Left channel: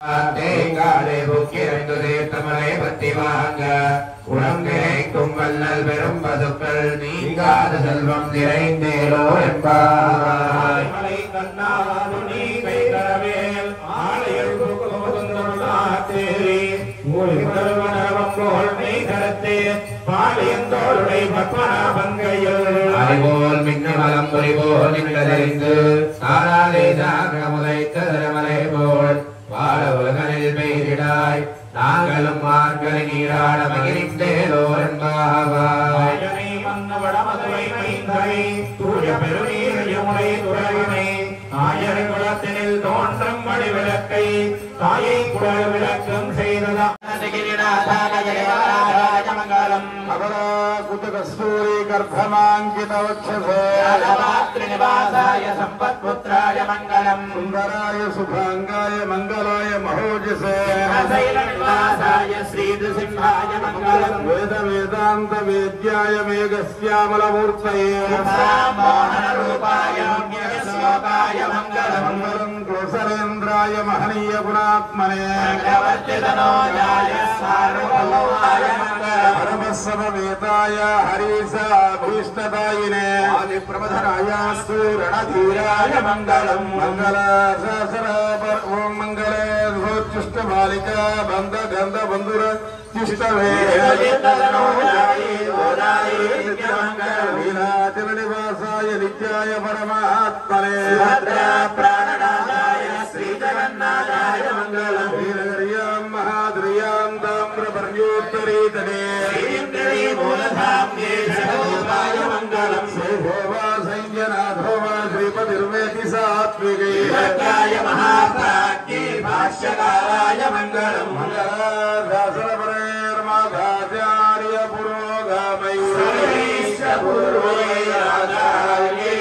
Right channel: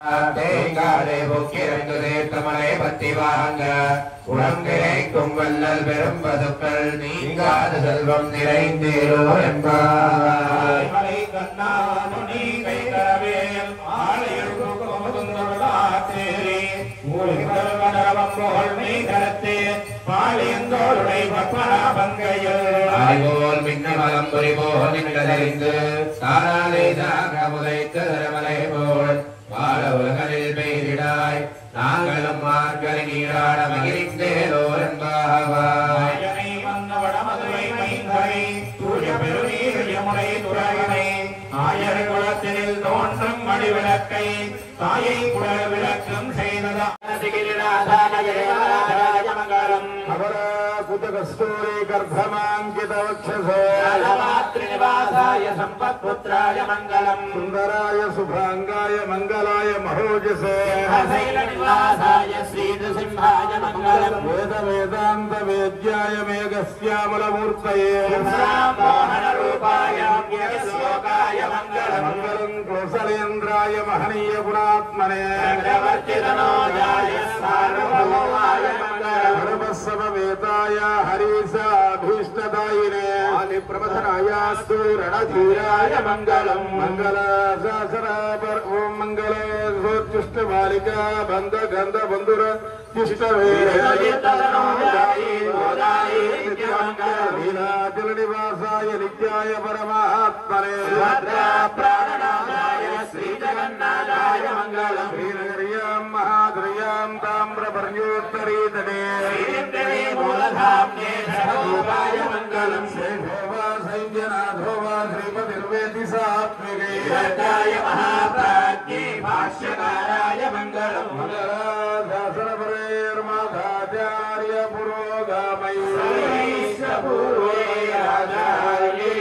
தேங்காலே பொக்கிரந்து தமலை பத்தி வாங்க உடம்பினை கும்பல்லல் பெரும் பதுக்கள் நீங்காத செல்வம் நிறைந்தேலோ என்பாய் போல் மின்னமலம் பொறிபோல் நின்றதறிந்து தாராதே தாகமுதைத்த தரமலை போல் வாழ உலகனில் பெய்திடாய் நாங்களும் மார்கழி நீராட மகிழ்ந்தேலோ என்பாவாய் ஆயர்குலத்தினில் தோன்றும் மணிவிளக்கை தாயை குடல் விளக்கம் செய்ததா कस्तूरी गर्भमांकित वक्षसे निवासाय संपत्पुत्राय मंगलम सुंदराय शुभांगाय मंगलाय महोजसे निवासाय श्री नृसिंहाय मंगलम वेद वेदांत वेद्याय मेघश्यामलमूर्तये मोहन रूपाय रम्यश्लोकाय मंगलम कौसलेन्द्राय महनीय गुणात्मने चक्रवर्तितनोजाय सार्वभौमाय समवेताय हरीसा भीष्णदायिने आदिप्रमथरायास्तु रणधीराय मंगलम मंगल सहस्रापर ओम मंगल सोच्चुष्ट बालिका बंध गंध बंधुर चिष्टवे लीलाचल निवासाय नित्याय परमात्मने प्राणनाथाय श्री जगन्नाथाय मंगलम वीरहर्यां महाद्रयां ताम्रपर्योत्तरीतने मूलधाम्ने सर्वोपाय मंगलम श्रीभोवा संजनाधोमा श्रीपतिर्वेति सात्विके यज्ञाय महाप्राज्ञे भाष्यकाराय मंगलम मंगलादासरपरैर्माधाचार्य पुरोगामैश्वपूर्वैराधार्यै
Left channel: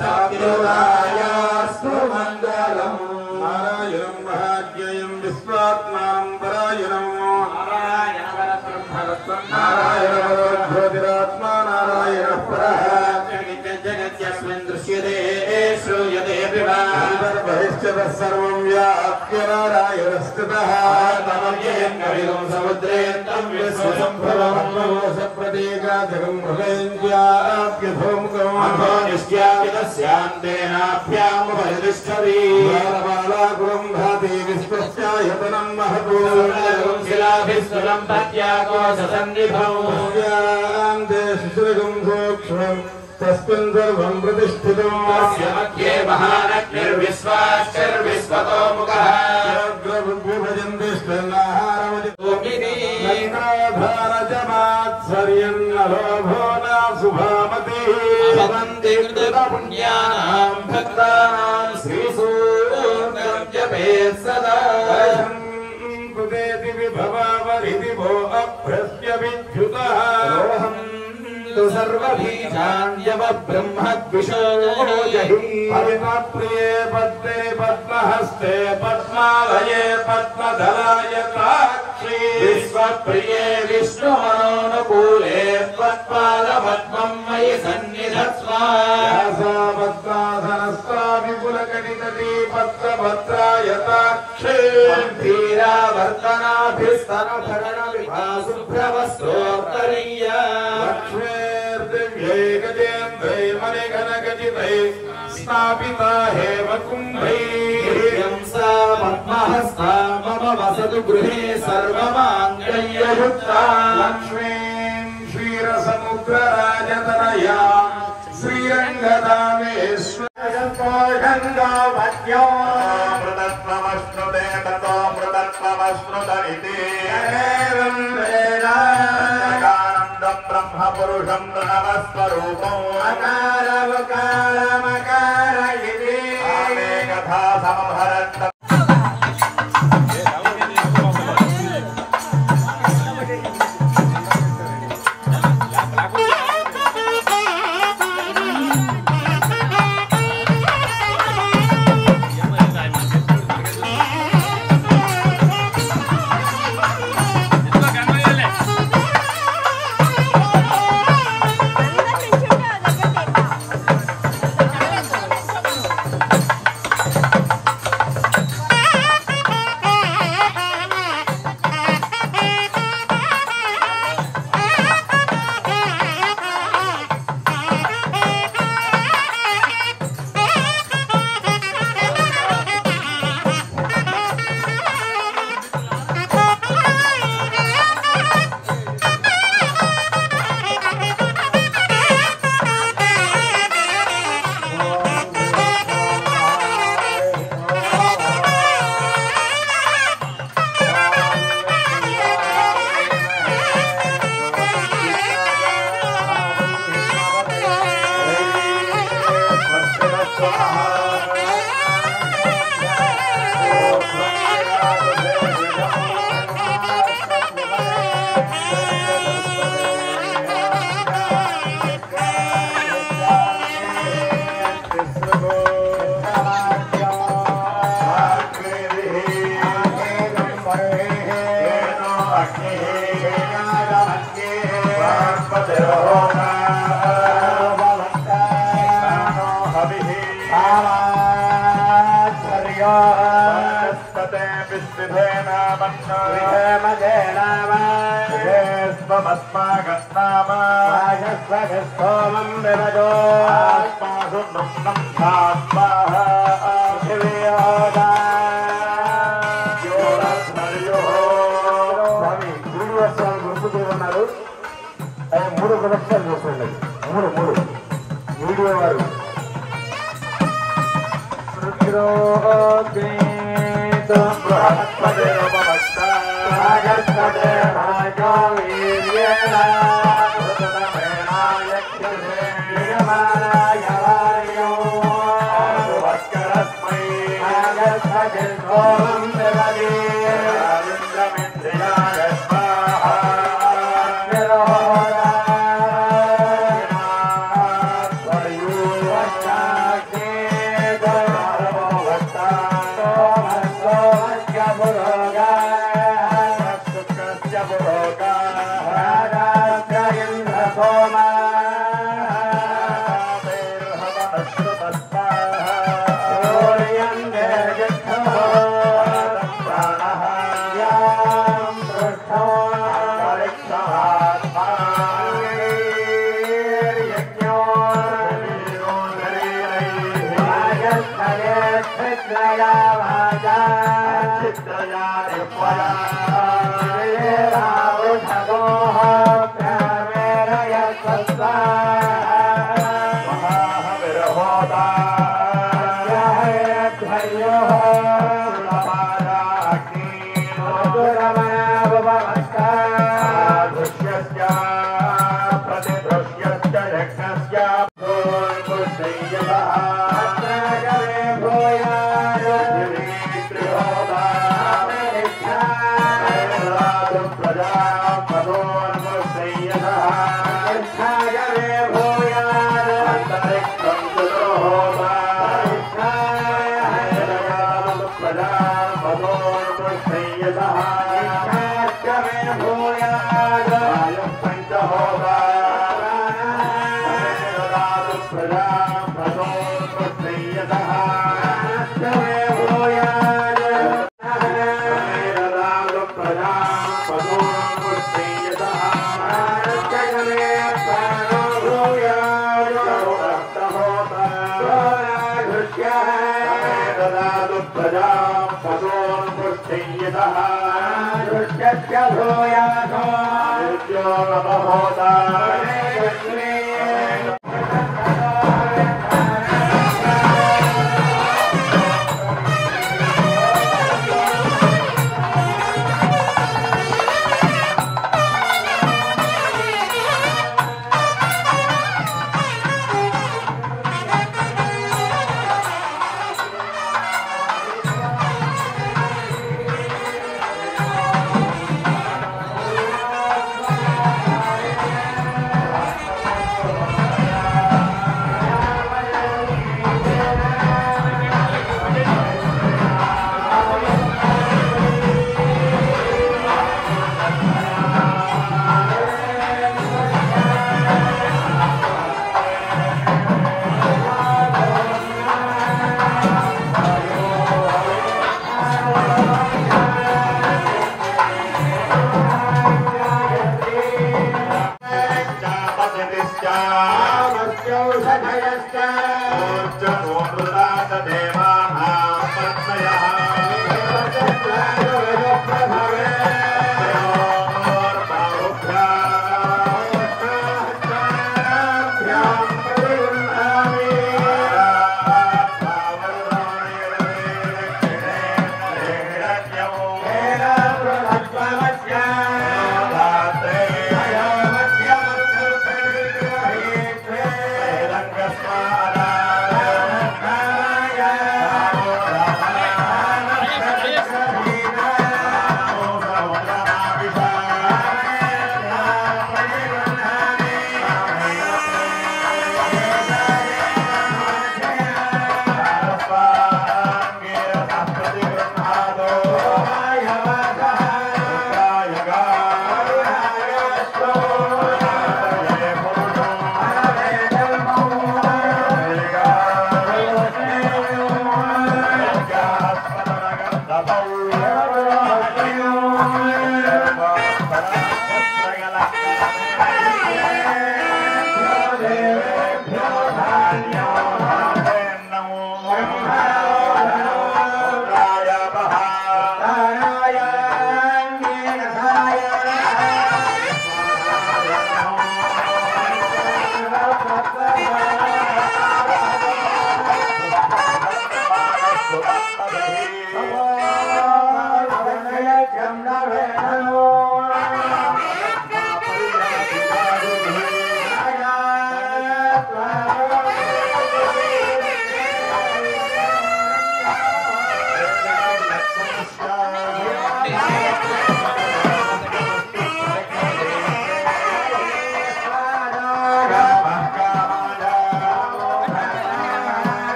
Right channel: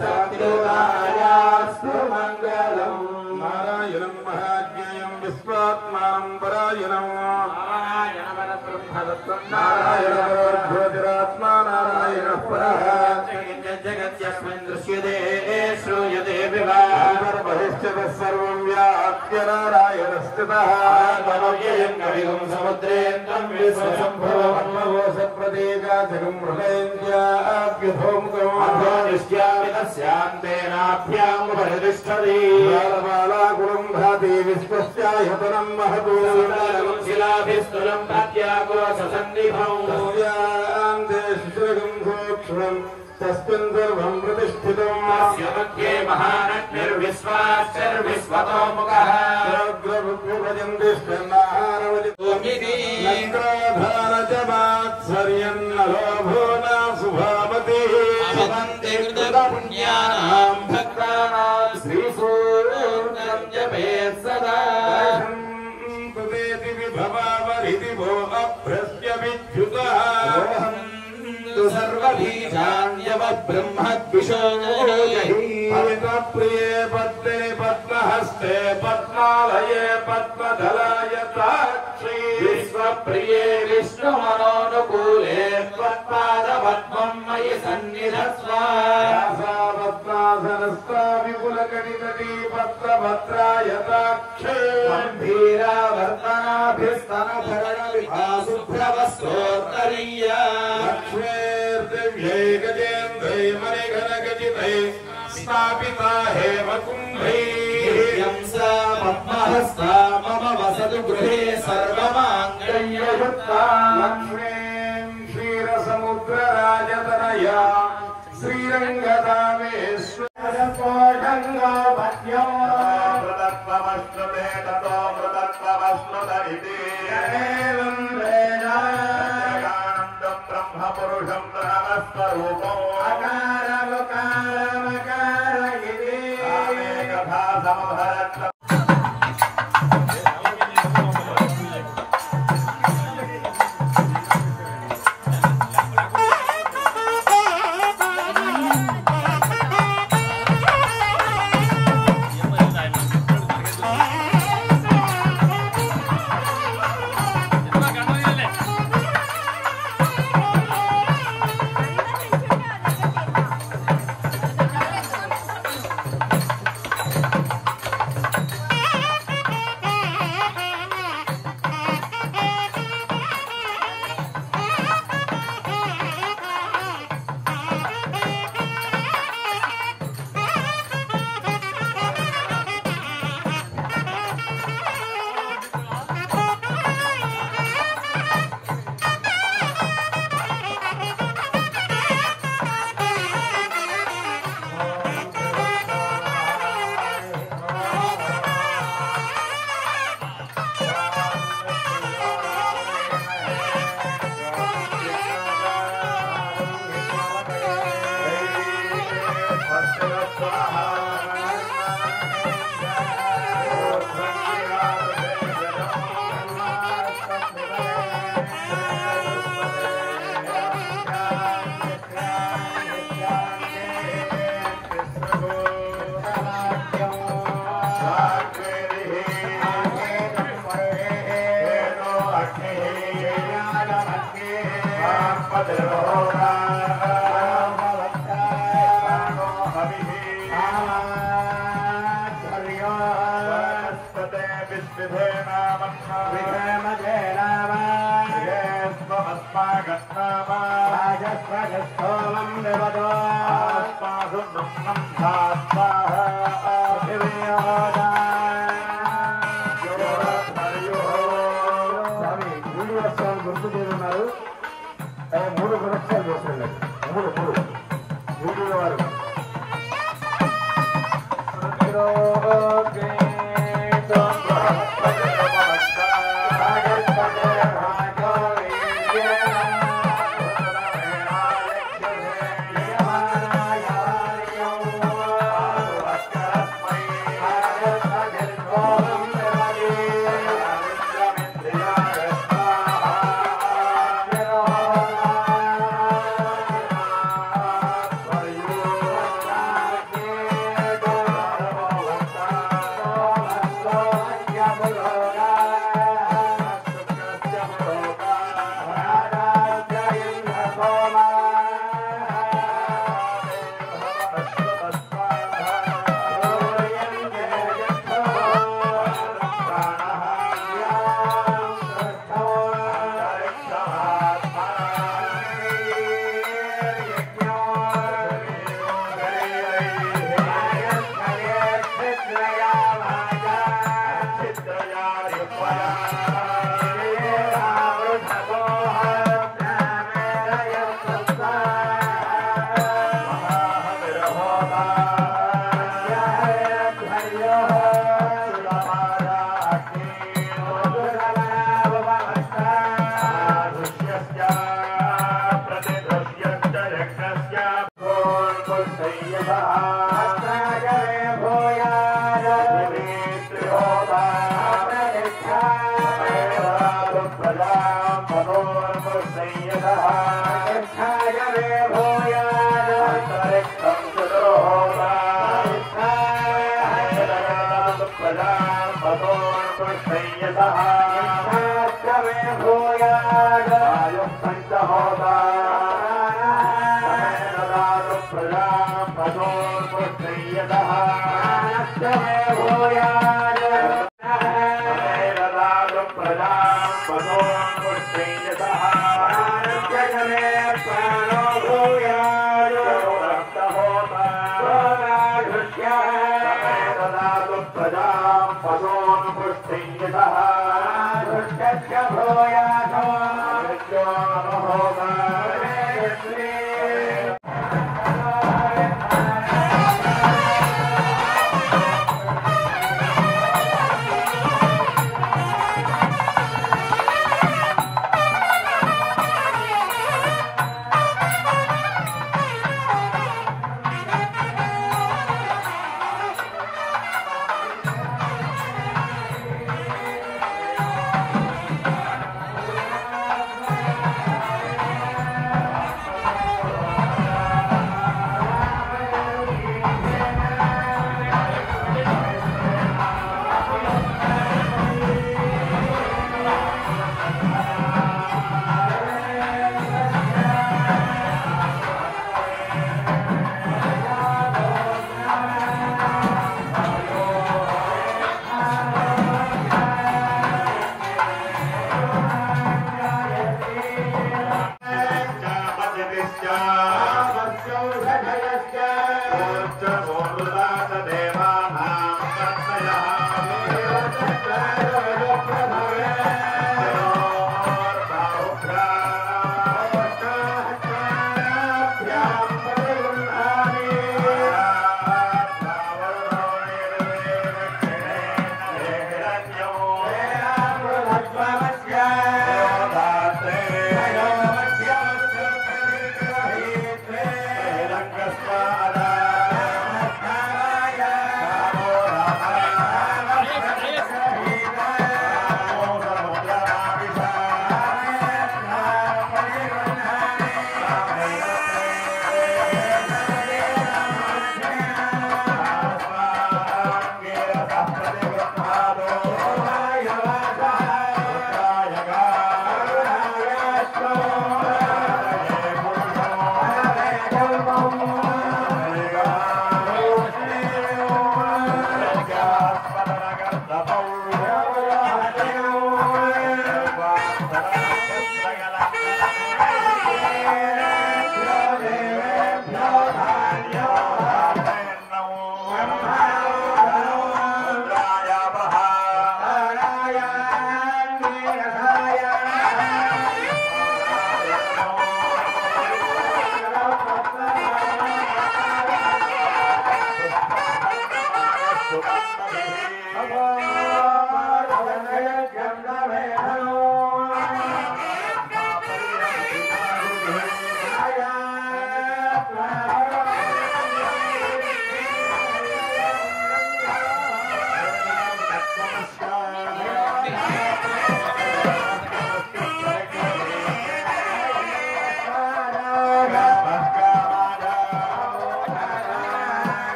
सत्योदायास्तु मंगलम नारायणं महाज्ञेयं विश्वात्मां परायणं नारायणोऽध्योतिरात्मा नारायणः परः जगत्यस्मिन् दृश्यते श्रूयते बहिश्चतः सर्वं व्याप्य नारायणस्थितः तमव्ययं कविगुं समुद्रेऽन्तं विश्वसम्भवं सप्रतीकाजगं हृदयञ्चाप्यधोमुखम् अधोनिश्चापितस्यान्तेनाभ्यामुपरितिष्ठति बालबालाकुलं भाति विश्वस्यायतनं महतो शिलाभिस्तुलं प्रत्याकोशसन्निधौ तस्यान्ते शिशिरगं सूक्ष्मम् तस्मिन् सर्वं प्रतिष्ठितं तस्य मध्ये महानग्निर्विश्वाश्चर्विश्वतो मुखः भजन्ति स्नाहारवजितोमिति लङ्काधारजमात्सर्यन्नलोभो न शुभामतिः भवन्ति कृतपुण्यानां भक्तानां श्रीसूक्तं जपेत् सदा तुदेति विभवावरिति वो अभ्रस्य विद्युतः सर्वबीजान्यव ब्रह्मद्विषोजहि परितप्रिये पद्मे पद्महस्ते पद्मालये पद्मधराय ताक्षी विश्वप्रिये विष्णुमनोनुकूले पद्मालपद्मं मयि सन्निधत्स्व पद्मासनस्था विपुलगणितटी पद्मभद्राय ताक्षी धीरावर्तनाभिस्तनभरणविभासुभ्रवस्त्रोत्तरीय लक्ष्मीर्दिव्यै गजेन्द्रै मणिघनगजितै स्थापिता हेम कुम्भैः सा पद्महस्ता मम वसतु गृहे सर्वमाङ्गल्ययुक्ता लक्ष्मीं क्षीरसमुद्रराजतनया श्रीरङ्गदामेश्वरगङ्गावन्यो मृतत्वमश्नुते ततो मृतत्वमश्नुतरिते ब्रह्मपुरुषं नमस्वरूपं अकारमकारमकारिति कथा समभरत् विधेमते विद्विधे नामन्ना विधेमते नाम विधेस्वमस्मागन्नाम राजस्वजस्तोमं विवदो आत्मासु नुन्नं धात्माः अभिवियोदा योरस्मर्यो स्वामी गुरुवर्षाలు గుర్తుదేవన్నారు ఆయన 3 సంవత్సరాలు చేస్తున్నారు 3 వీడియో వారు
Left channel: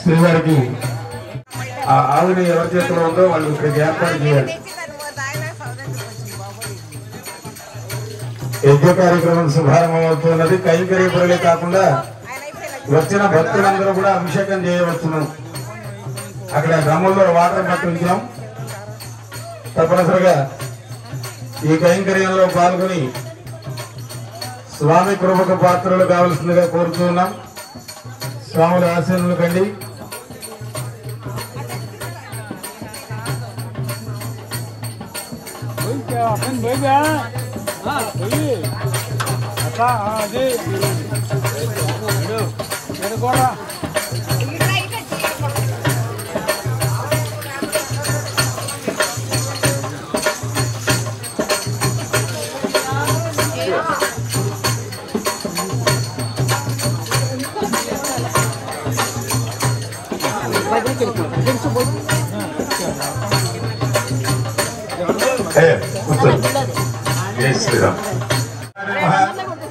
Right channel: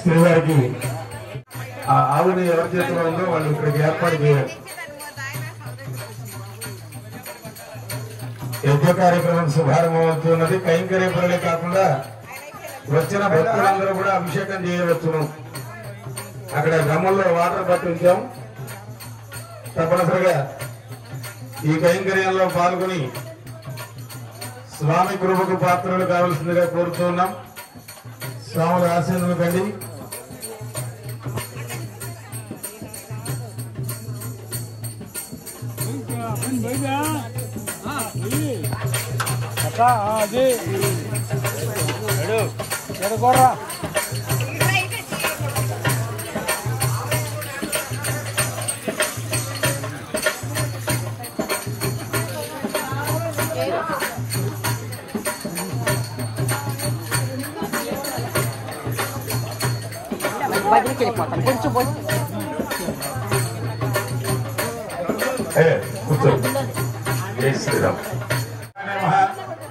శ్రీవారికి ఆ ఆవుని ఎవరి చేతిలో ఉందో వాళ్ళు ఇక్కడికి ఏర్పాటు చేయాలి. యజ్ఞ కార్యక్రమం శుభారంభం అవుతున్నది. కైంకర్యపురలే కాకుండా వచ్చిన భక్తులందరూ కూడా అభిషేకం చేయవచ్చును. అక్కడ డ్రమ్ముల్లో వాటర్ పట్టించాం. తప్పనిసరిగా ఈ కైంకర్యంలో పాల్గొని స్వామి కృపకు పాత్రలు కావలసిందిగా కోరుతున్నాం. స్వాముల ఆశీర్వాదాలు కండి.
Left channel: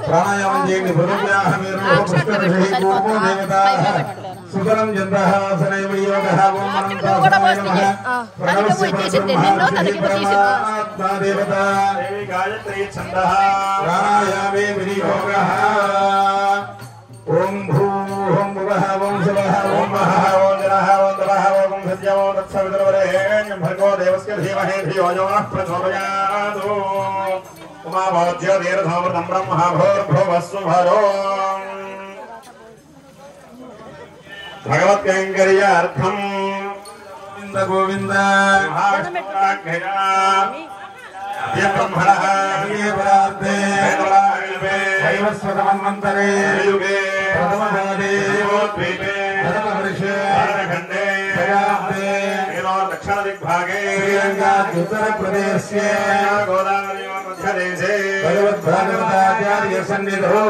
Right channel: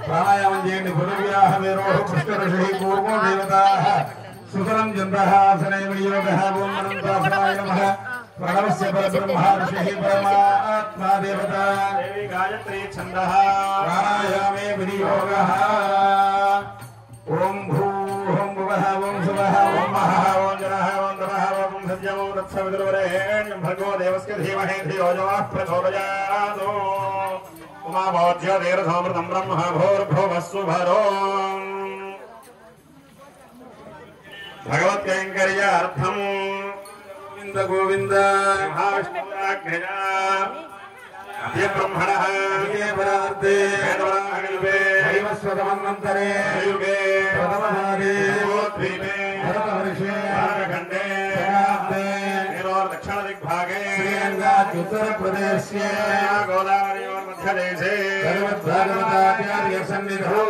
ప్రాణాయామం చేయండి. సుతలం ప్రాణాయామే వినియోగ. ఓం భూ ఓం భువః ఓం శుభః ఓం మహః ఓం జనః ఓం తపః ఓం సత్యం ఓం తత్సవితుర్వరేణ్యం భర్గో దేవస్య ధీమహి ధియో యో నః ప్రచోదయాత్. ఉమాభోజ్యోతిర్ధూమృతం బ్రహ్మ భూర్భువస్సుభరో. భగవత్కైంకర్యార్థం గోవింద గోవింద మహావిష్ణురాజ్ఞయా బ్రహ్మణః వైవస్వతమన్వంతరే యుగే ప్రథమపాదే దేవోద్వీపే ప్రథమవర్షే ఖండే దక్షిణ దిగ్భాగే శ్రీరంగాద్యుత్తరప్రదేశే గోదావరి మధ్యదేశే श्रीमद्भागवताचार्य सन्निधौ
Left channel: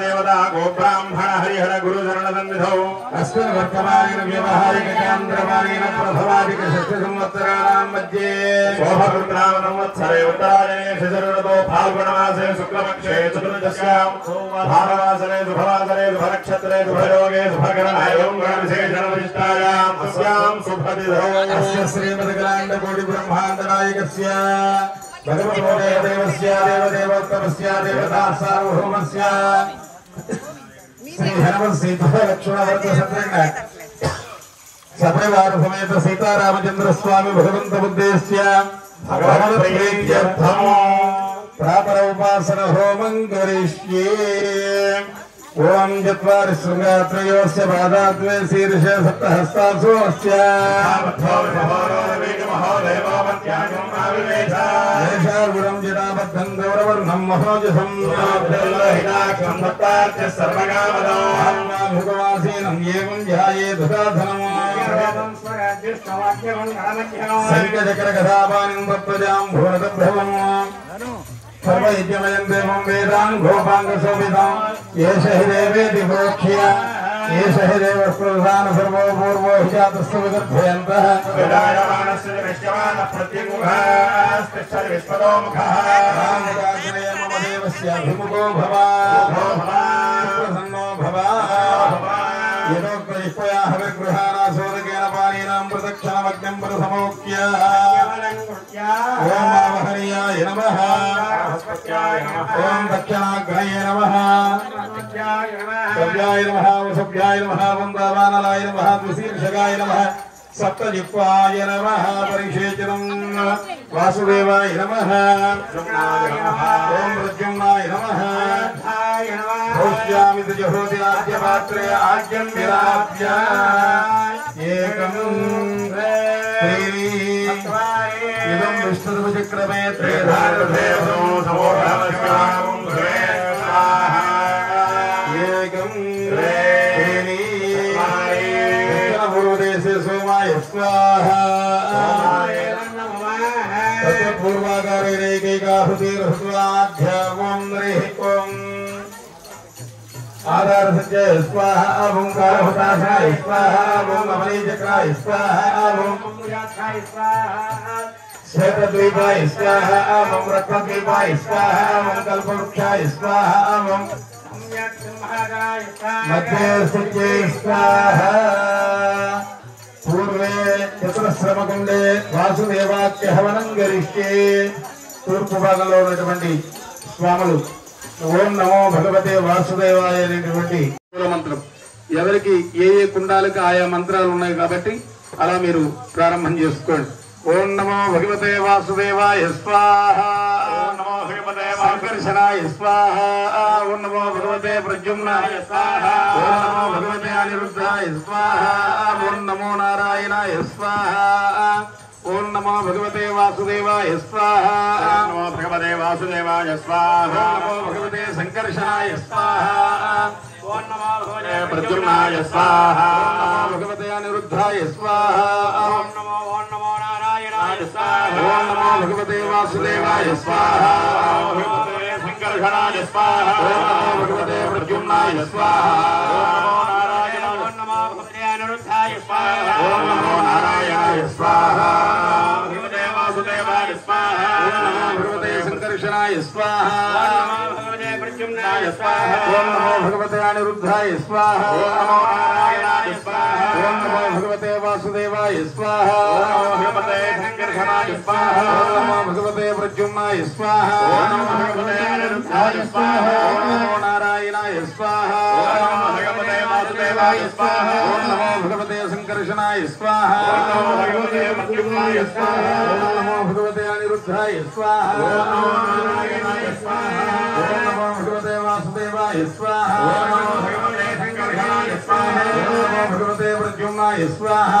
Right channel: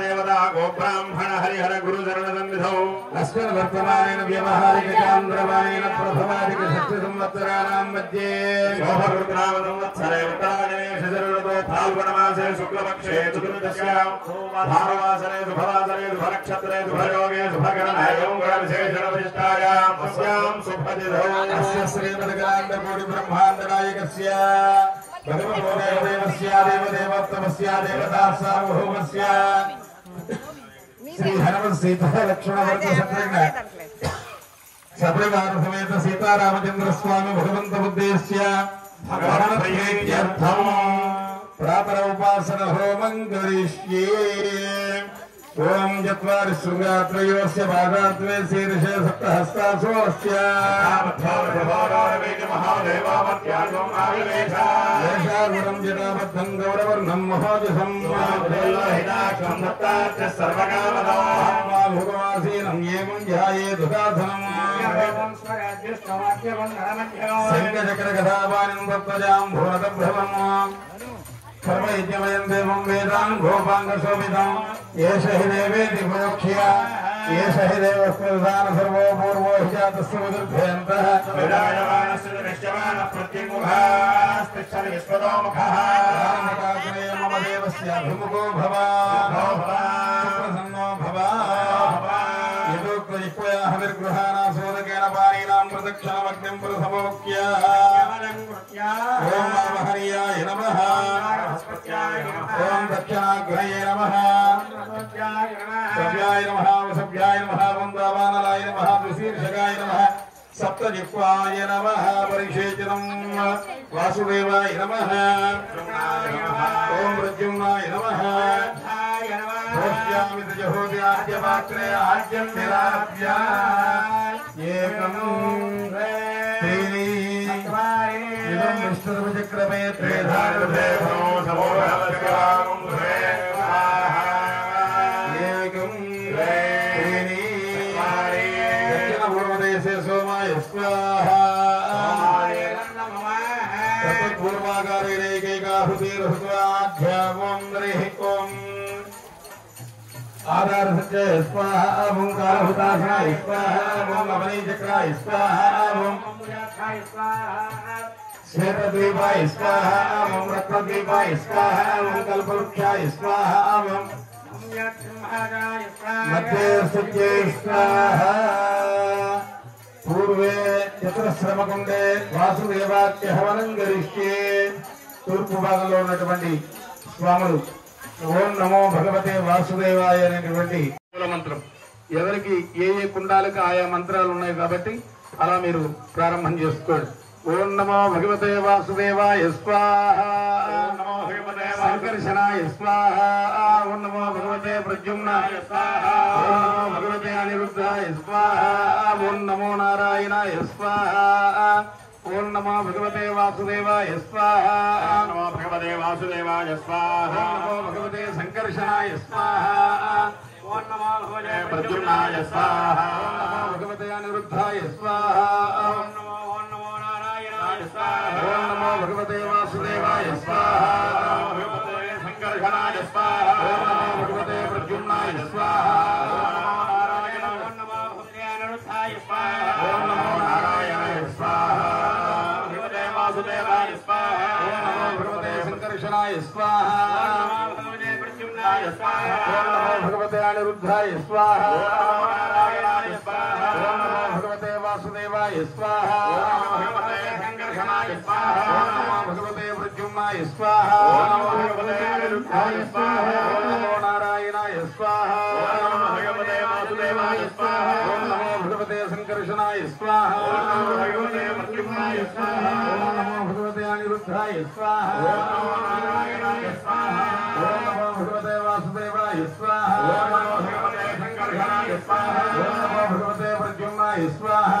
देवता गोब्राह्मण हरिहर गुरुचरण सन्निधौ अस्मिन् वर्तमानेन व्यवहारिकचान्द्रमानेन प्रभवादिक षष्ठसंवत्सराणां मध्ये संवत्सरे उत्तरायणे शशऋतौ फाल्गुणमासे शुक्लपक्षे चतुर्दश्यां भानुवासरे शुभवासरे शुभनक्षत्रे शुभयोगे शुभकरणायां विशेषणविशिष्टायाम् अस्यां शुभतिथौ अस्य श्रीमद्गणाण्डकोटिब्रह्माण्डनायकस्य भगवतोदेवस्य देवदेवोत्तमस्य देवता सार्वभौमस्य श्री हनुमत सीता लक्ष्मण वर्ग शत्रुघ्न सपरिवारसमेत सीतारामचंद्र स्वामी भगवंत उद्देश्य भगवत प्रीत्यर्थम प्रातः उपासना होमं करिष्ये। ओम चत्वारि शृंगात्रयोस्य पादाद्वे शीर्ष सप्तहस्तासु अस्य येषागुणं जटाबद्धं गौरवर्णं महोजसं भुगमासीनं एवं ध्यायेत् साधनं सैकचक्रगदापानं तत्त्वजां भुवनतभ्रवम् सर्वैद्यमयं देवं वेदान् गोपाङ्गशोभितं येष हि देवेति प्रोक्ष्य येष हि देवस्तुधान सर्वो पूर्वो हि जातस्य विदर्भयन्तः विराजमानस्य विश्यमानः प्रत्युमुखः विश्वतो मुखः रामकाग्नेय मम देवस्याभिमुखो भवा प्रसन्नो भवा यदोक्तयुक्तया हविर्गृहाणा सोदकेन पानीनां प्रदक्षिणमग्नं प्रसमोक्य ओम आवहर्याय नमः ओम दक्षिणाग्नये नमः सव्याय नमः वसव्याय नमः वन्दावानलाय नमः तुशीर्षकाय नमः सप्तजिह्वाय नमः परिषेचनं वासुदेवाय नमः ओम प्रद्युम्नाय नमः भोष्यामि तुजहोति आद्यपात्रे आद्यं विराप्य एकं इदं विष्णुचक्रमे त्रेधारभेदो एकं दक्षिणपूर्वदेशे सोमाय स्वाहा तत्र पूर्वाकारेणैकैकाहुतिर्ह्वाध्यामं हरिः आधार संजय स्वाहा ओंकार हुताशनाय स्वाहा ओम अवनी चक्राय स्वाहा ओम श्वेतद्वीपाय स्वाहा ओम रत्नद्वीपाय स्वाहा ओम कल्पवृक्षाय स्वाहा ओम मध्ये सुज्ये स्वाहा पूर्वे चतुरश्रमकुंडे वासुदेवाख्य हवनं करिष्ये తూర్పు భాగంలో ఉన్నటువంటి స్వాములు ఓం నమో భగవతే వాసుదేవాయ అనేటువంటి మంత్రం ఎవరికి ఏ ఏ కుండాలకు ఆయా మంత్రాలు ఉన్నాయి కాబట్టి అలా మీరు ప్రారంభం చేసుకోండి. ఓం నమో భగవతే వాసుదేవాయ స్వాహ నమో భగవతే సంకర్షణాయ స్వాహ ఓం నమో భగవతే ప్రద్యుమ్నాయ స్వాహ ఓం నమో భగవతే అనిరుద్ధాయ స్వాహ ఓం నమో నారాయణాయ స్వాహ ఓం నమో భగవతే వాసుదేవాయ స్వాహ नमो भगवते वासुदेवाय स्वाहा నమో భగవతే సంకర్షణాయ స్వాహ ओम नमो भगवते प्रद्युम्नाय स्वाहा భగవతే అనిరుద్ధాయ స్వాహ ओम नमो नारायणाय स्वाहा ఓం నమో భగవతే వాసుదేవాయ స్వాహ ओम भगवते संकर्षणाय स्वाहा ఓం నమో భగవతే ప్రద్యుమ్నాయ స్వాహ ओम नारायणाय नमो भगवते अनिरुद्धाय स्वाहा ఓం నమో నారాయణాయ స్వాహ भगवते वासुदेवाय स्वाहा ఓం నమో భగవతే సంకర్షణాయ స్వాహ भगवते प्रद्युम्नाय स्वाहा ఓం నమో భగవతే అనిరుద్ధాయ స్వాహ नमो नारायणाय स्वाहा ఓం నమో భగవతే వాసుదేవాయ స్వాహ भगवते संकर्षणाय स्वाहा ఓం నమో భగవతే ప్రద్యుమ్నాయ స్వాహ भगवते अनिरुद्धाय स्वाहा ఓం నమో నారాయణాయ స్వాహ भगवते वासुदेवाय स्वाहा ఓం నమో భగవతే సంకర్షణాయ స్వాహ भगवते प्रद्युम्नाय स्वाहा ఓం నమో భగవతే అనిరుద్ధాయ స్వాహ ఓం నమో భగవతే వాసుదేవాయ స్వాహ भगवते संकर्षणाय स्वाहा ఓం నమో భగవతే ప్రద్యుమ్నాయ స్వాహ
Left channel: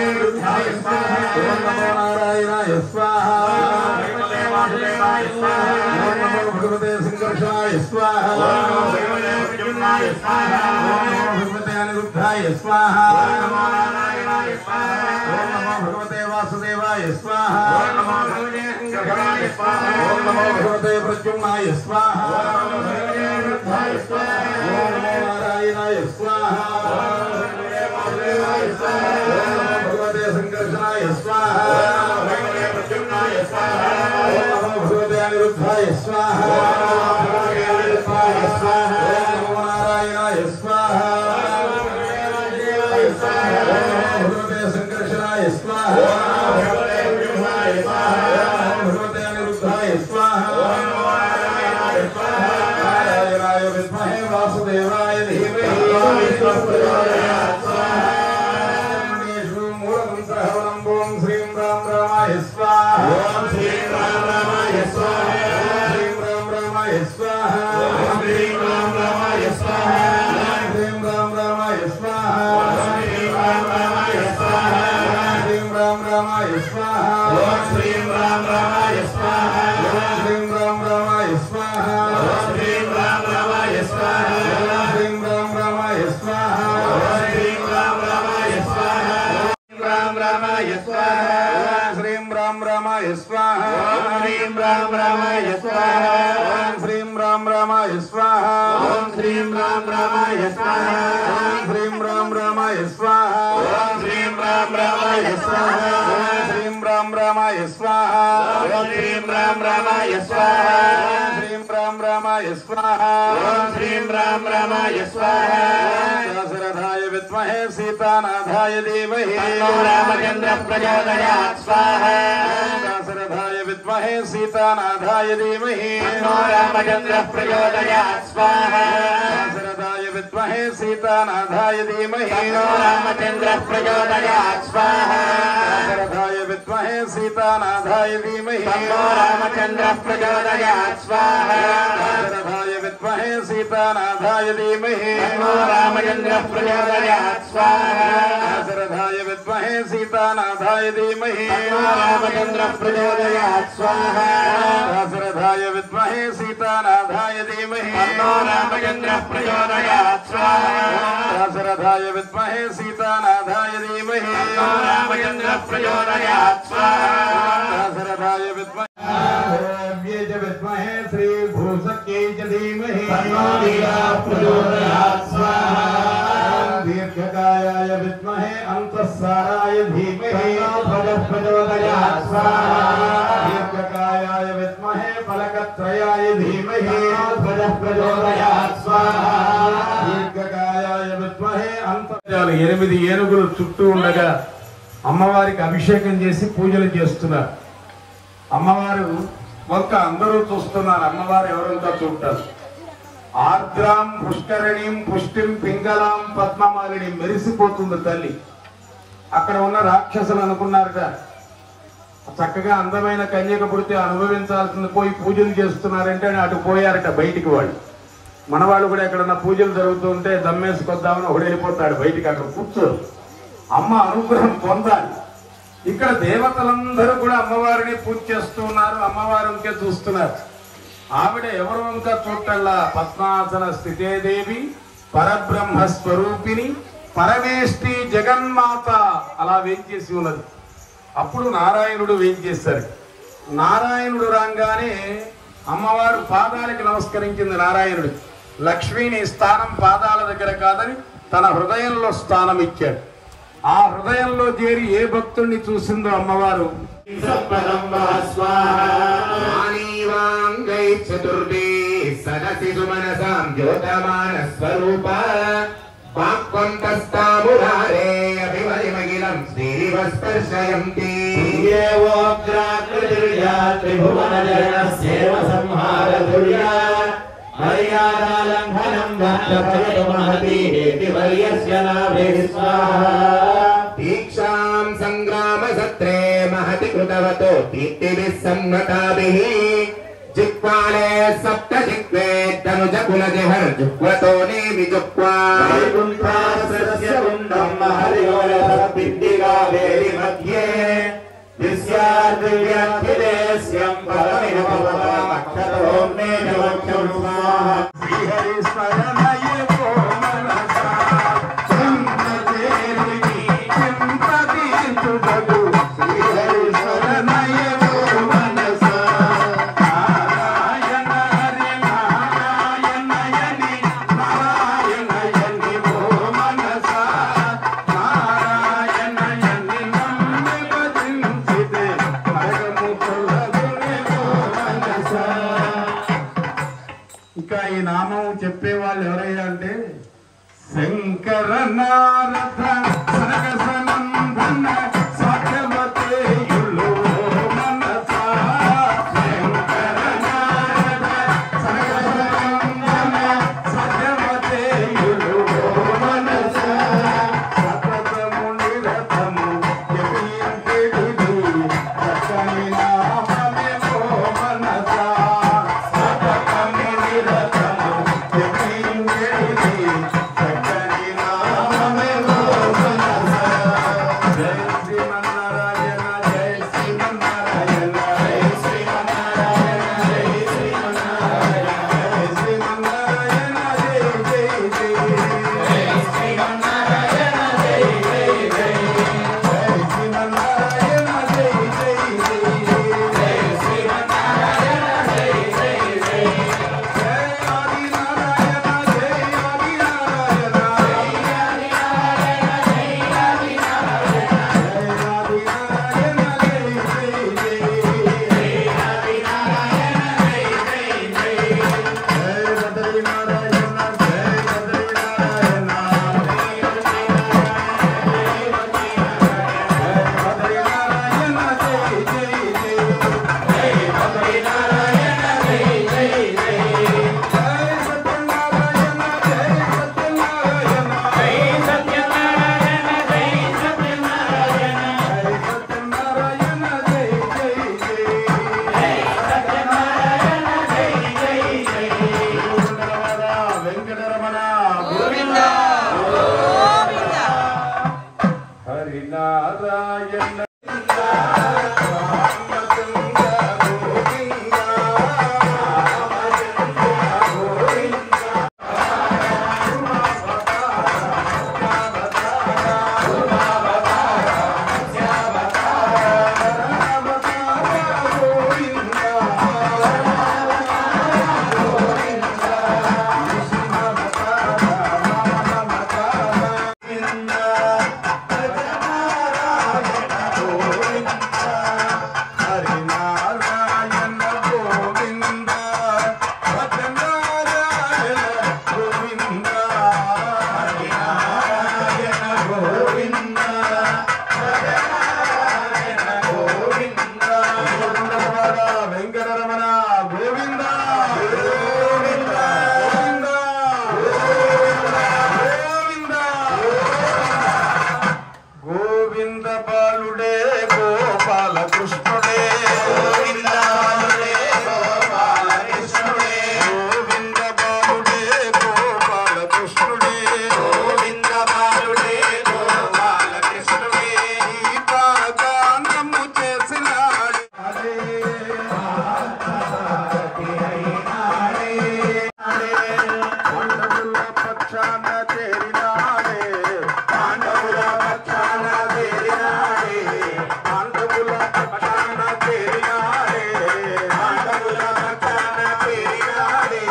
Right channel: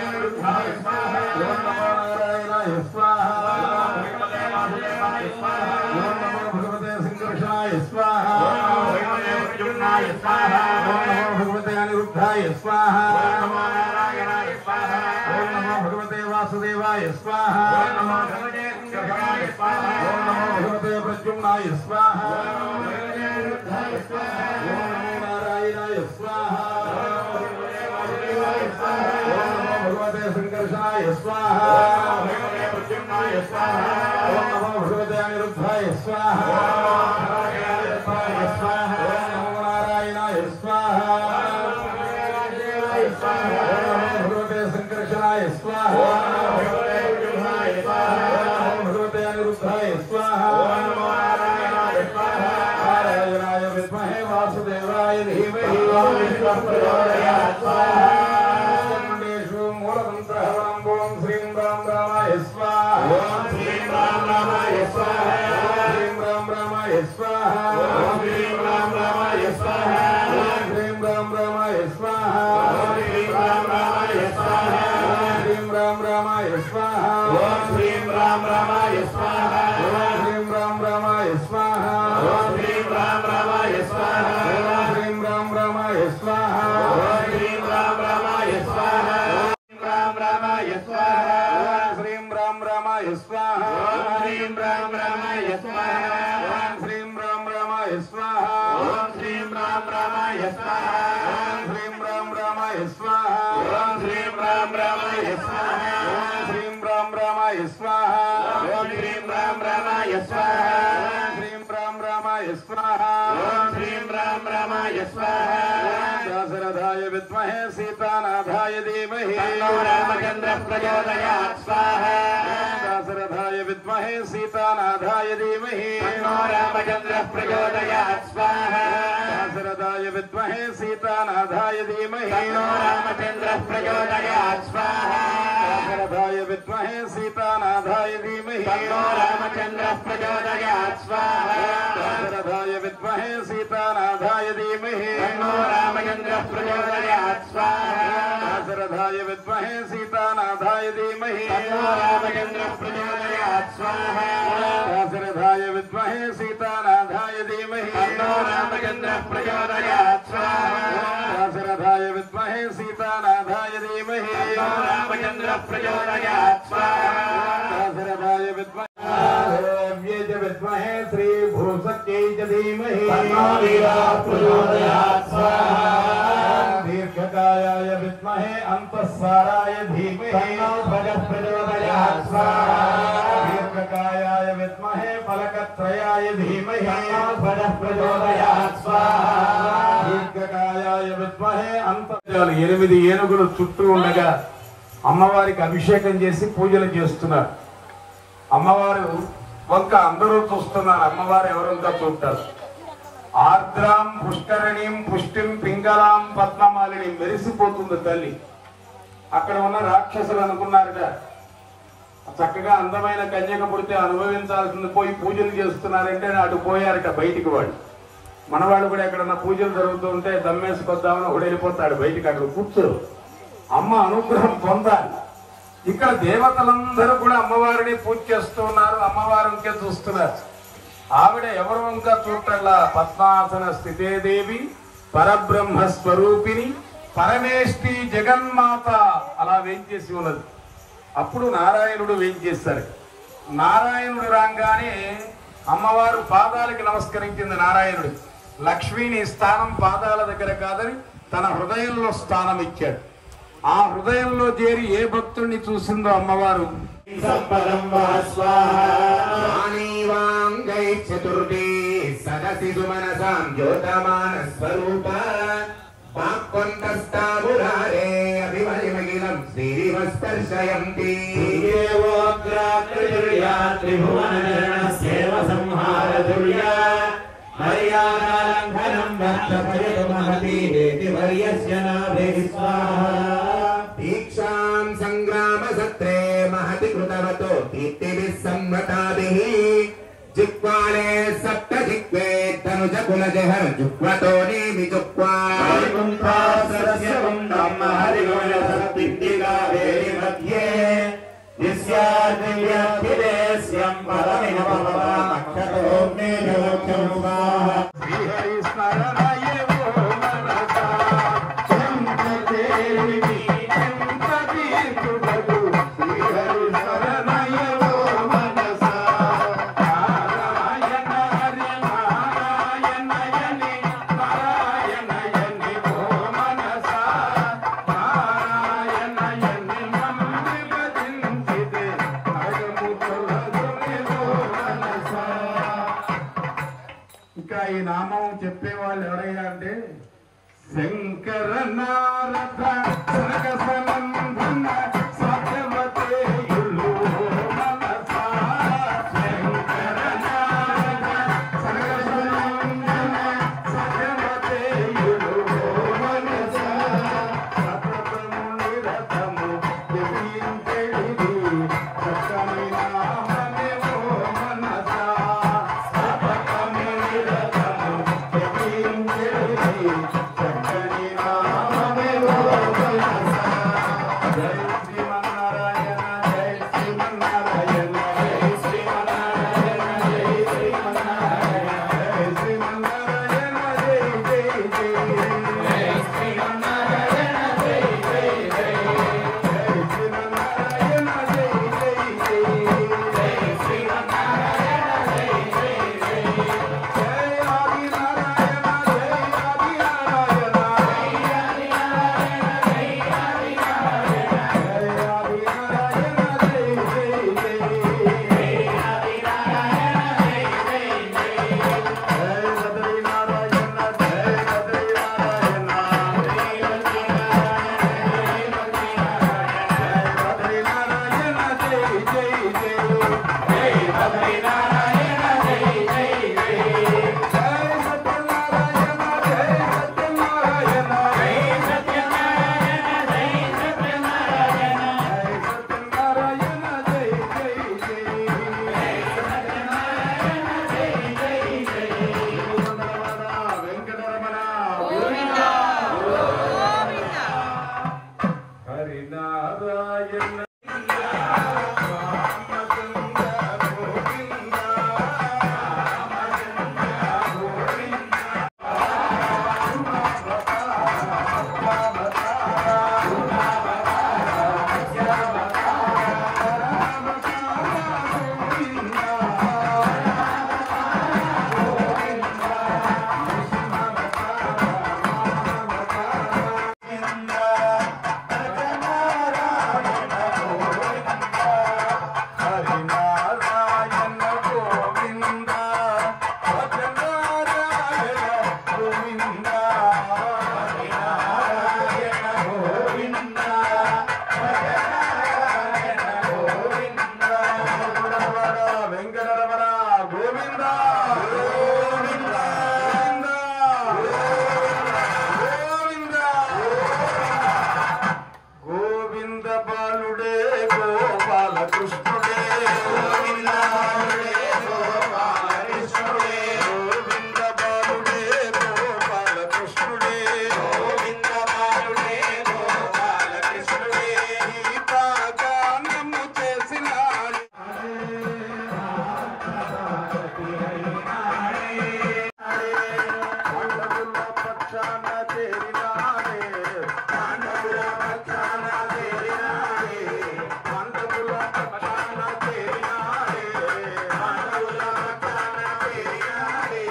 अनिरुद्धाय स्वाहा ఓం నమో నారాయణాయ స్వాహ भगवते वासुदेवाय स्वाहा ఓం నమో భగవతే సంకర్షణాయ స్వాహ भगवते प्रद्युम्नाय स्वाहा ओम नमो भगवते अनिरुद्धाय स्वाहा ओम नमो नारायणाय स्वाहा ओम नमो भगवते वासुदेवाय स्वाहा ओम नमो संकर्षणाय स्वाहा ओम नमो भगवते प्रद्युम्नाय स्वाहा ओम नमो भगवते अनिरुद्धाय स्वाहा ओम नमो नारायणाय स्वाहा ओम नमो वासुदेवाय स्वाहा ओम नमो भगवते संकर्षणाय स्वाहा ओम नमो भगवते प्रद्युम्नाय स्वाहा ओम नमो भगवते अनिरुद्धाय स्वाहा ओम नमो भगवते अनिरुद्धाय स्वाहा ओम नमो नारायणाय स्वाहा भगवते संकर्षणाय स्वाहा भगवते अनिरुद्धाय स्वाहा नारायणाय विद्महे वासुदेवाय धीमहि मूलमन्त्रः ओम श्रीं राम रामाय स्वाहा ओम श्रीं राम रामाय स्वाहा श्रीं राम रामाय स्वाहा ओम श्रीं राम रामाय स्वाहा श्रीं राम रामाय स्वाहा श्रीं राम रामाय स्वाहा श्रीं राम रामाय स्वाहा ओम श्रीं राम रामाय स्वाहा श्रीं राम रामाय स्वाहा ओम श्रीं राम रामाय स्वाहा श्रीं राम रामाय स्वाहा श्रीं राम रामाय स्वाहा राम रामाय स्वाहा श्रीं राम रामाय स्वाहा श्रीं राम रामाय स्वाहा श्रीं राम रामाय स्वाहा ओम श्रीं राम रामाय स्वाहा श्रीं राम रामाय स्वाहा ओम श्रीं राम रामाय स्वाहा श्रीं राम रामाय स्वाहा ओम श्रीं राम रामाय स्वाहा श्रीं राम रामाय स्वाहा ओम श्रीं राम रामाय स्वाहा दाशरथाय विद्महे सीतानाथाय धीमहि तन्नो रामचन्द्रः प्रचोदयात् स्वाहा दाशरथाय विद्महे सीतानाथाय धीमहि तन्नो रामचन्द्रः प्रचोदयात् स्वाहा दाशरथाय विद्महे सीतानाथाय धीमहि तन्नो रामचन्द्रः प्रचोदयात् स्वाहा दाशरथाय विद्महे सीतानाथाय धीमहि तन्नो रामचन्द्रः प्रचोदयात् स्वाहा दाशरथाय विद्महे सीतानाथाय धीमहि तन्नो रामचन्द्रः प्रचोदयात् स्वाहा दाशरथाय विद्महे सीतानाथाय धीमहि तन्नो रामचन्द्रः प्रचोदयात् स्वाहा दाशरथाय विद्महे सीतानाथाय धीमहि तन्नो रामचन्द्रः प्रचोदयात् स्वाहा दाशरथाय विद्महे सीतानाथाय धीमहि तन्नो रामचन्द्रः प्रचोदयात् स्वाहा दाशरथाय विद्महे विद्महे श्री भूसक्यै च धीमहि तन्नो वीरः प्रचोदयात् स्वाहा दीर्घकायाय विद्महे अन्तःसाराय धीमहि ध्वजः प्रचोदयात् स्वाहा दीर्घकायाय विद्महे फलकत्रयाय धीमहि ध्वजः प्रचोदयात् स्वाहा దీర్ఘకాయాయ విద్మహే అంతర్జాలు 8 ఏనుగులు చుట్టూ ఉండగా అమ్మవారికి అభిషేకం చేసి పూజలు చేస్తున్నారు. అమ్మవారు వంక అందరూ చూస్తున్నారు. అమ్మవారు ఎవరంతా చూస్తారు. ఆర్ద్రాం పుష్కరణీం పుష్టిం పింగళాం పద్మమాలిని మెరిసిపోతుంది తల్లి. అక్కడ ఉన్న రాక్షసులు అనుకున్నారట చక్కగా అందమైన కన్యక పుడితే అనుభవించాల్సింది పోయి పూజలు చేస్తున్నారంటే అటు పోయారట బయటికి. వాళ్ళు మనవాళ్ళు కూడా ఎక్కడన్నా పూజలు జరుగుతూ ఉంటే దమ్మేసుకొద్దామని ఒకడు వెళ్ళిపోతాడు బయటికి. అక్కడ కూర్చోరు. అమ్మ అనుగ్రహం పొందాలి. ఇక్కడ దేవతలందరూ కూడా అమ్మవారిని పూజ చేస్తూ ఉన్నారు. అమ్మవారు ఇంకే చూస్తున్నారు. ఆవిడ ఎవరు ఇంకా చూడటల్లా పద్మాసన స్థితే దేవి పరబ్రహ్మ స్వరూపిణి పరమేష్టి జగన్మాత అలా వేంచేసి ఉన్నది. అప్పుడు నారాయణుడు వేంచేశారు. నారాయణుడు రాగానే అమ్మవారు పాదాలకి నమస్కరించింది. నారాయణుడు లక్ష్మిని స్థానం పాదాల దగ్గర కాదని తన హృదయంలో స్థానం ఇచ్చాడు. ఆ హృదయంలో చేరి ఏ భక్తుల్ని చూసిందో అమ్మవారు చతుర్థి సదసి సుమనసాం జ్యోతమాన స్వరూప వాక్కొంతస్తామురారే అభిమలిమగిలం శ్రీవస్పర్శయంతి త్రిభువనజనసేవ సంహార దుర్యా మర్యాదాలంఘనం గంధర్యస్య నాభే స్వాహా దీక్షాం సంగ్రామ సత్రే మహతి కృతవతో దీప్తిభిః సంగతాభిః జిహ్వాలే సప్త జిహ్వే ధనుజ కులజహర జుహ్వతో నేమి జుహ్వా వైకుంఠాస్య కుండం హరివలసపిద్దిగావేరి మధ్యే దిశ్యాద్రివ్యాధిదేశ్యం పరమివ భవతామక్షరోమ్నే జవక్షం స్వాహా శ్రీహరి స్మరణయే ఎవరయ్యా అంటే శంకర నారద సనకసనందన సత్యమతేయులు మనస శంకర నారద సనకసనందన సత్యమతేయులు మనస సతతము నిరతము జపించెడిది చక్కని నామమేవో మనస సతతము నిరతము జపించెడిది చక్కని నామమేవో మనస జై శ్రీమన్నారాయణ జై శ్రీమన్నారాయణ జై శ్రీమన్నారాయణ జై శ్రీమన్నారాయణ జై శ్రీమన్నారాయణ జై జై జై జై శ్రీమన్నారాయణ జై జై జై జై శ్రీమన్నారాయణ జై జై జై జై శ్రీమన్నారాయణ జై జై జై జై ఆదినారాయణ జై ఆదినారాయణ హరినారాయణ వెంకటరమణ గోవింద గోవింద గోవింద గోవింద బాలుడే గోపాల కృష్ణుడే గోవింద గోపాలకృష్ణుడే గోవింద బాలుడే గోపాల కృష్ణుడే గోవింద బాలుడే గోపాల కృష్ణుడే గీతాగానము చేసినాడు పక్షాన చేరినాడే పాండవుల పక్షాన చేరినాడే పాండవుల పక్షాన చేరినాడే పాండవుల పక్షాన చేరినాడే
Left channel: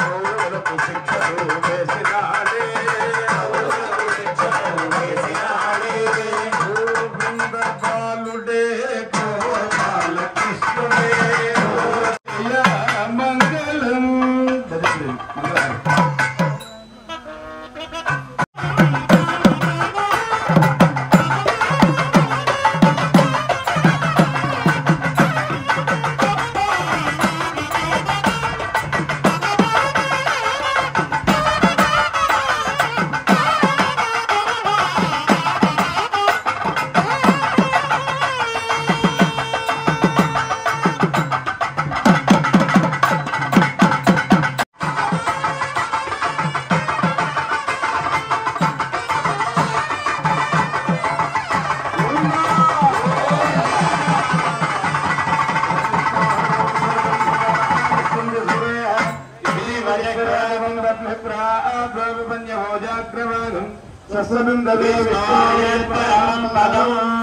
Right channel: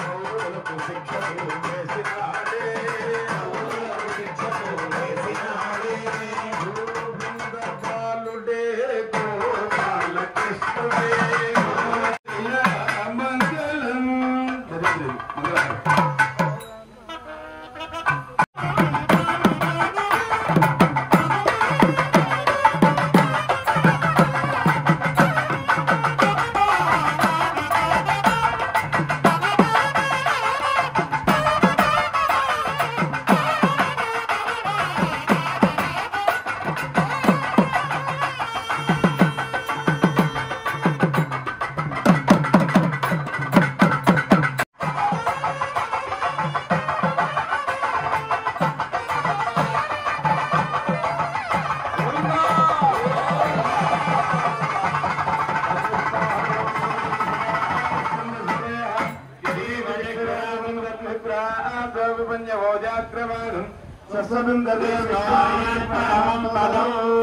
కౌరవులకు శిక్షలు వేసినాడే కౌరవులకు శిక్షలు వేసినాడే గోవింద బాలుడే గోపాల కృష్ణుడే మంగళం మంగళం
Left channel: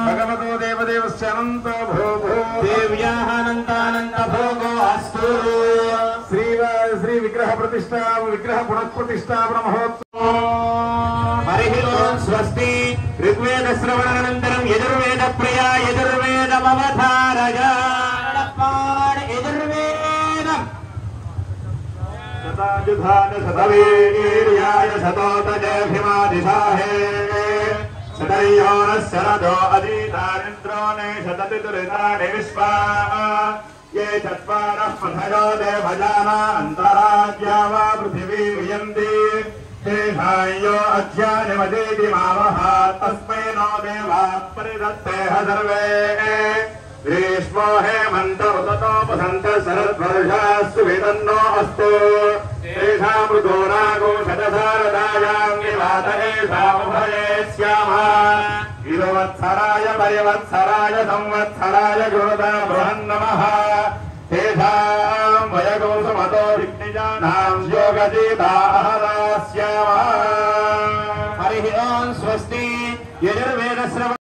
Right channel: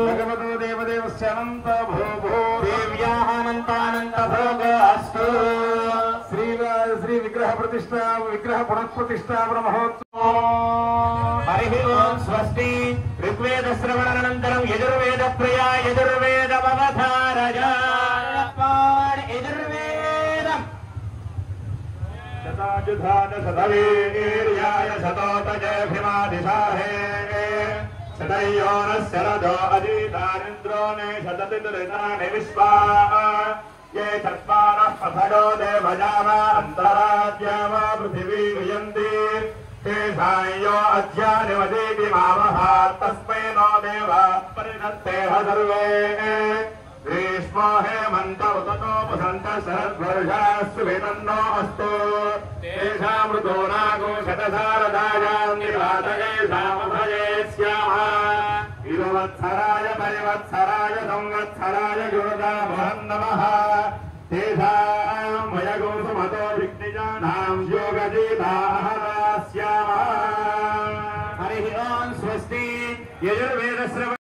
భగవతో దేవదేవస్యనంతో భోగో దేవ్యానంతానంత భోగో అస్తు శ్రీ విగ్రహ ప్రతిష్టా విగ్రహ పునఃప్రతిష్టాపన మహోత్సవం. హరి ఓం స్వస్తి. ఋగ్వేద శ్రవణానంతరం యజుర్వేద ప్రియ యజుర్వేదమవధారయ ఎదుర్వేదం युधान सतवीर्याय सतोतजभिमादिशाहे सतयो न शरदो अजीतारिन्द्रो ने शततिरितानि विश्वा ये चत्वारः पथयो देवजाना अन्तराज्या वा पृथिवी वियन्ति तेषायो अध्यानिवदेति मावः तस्मै नो देवा परिदत्तेह सर्वे ग्रीष्मो हेमन्त उततोपसन्त शरद्वर्षास्तु वेदन्नो अस्तु तेषां मृगो नागो शतसारदायां निवातये सामुभये स्यामः इरुवत्सराय परिवत्सराय संवत्सराय गुरुदा बृहन्नमः तेषां वयगो समतो दिग्निजानां योगजीताहरा स्यामः हरिः ओं स्वस्ति यजुर्वेदस्य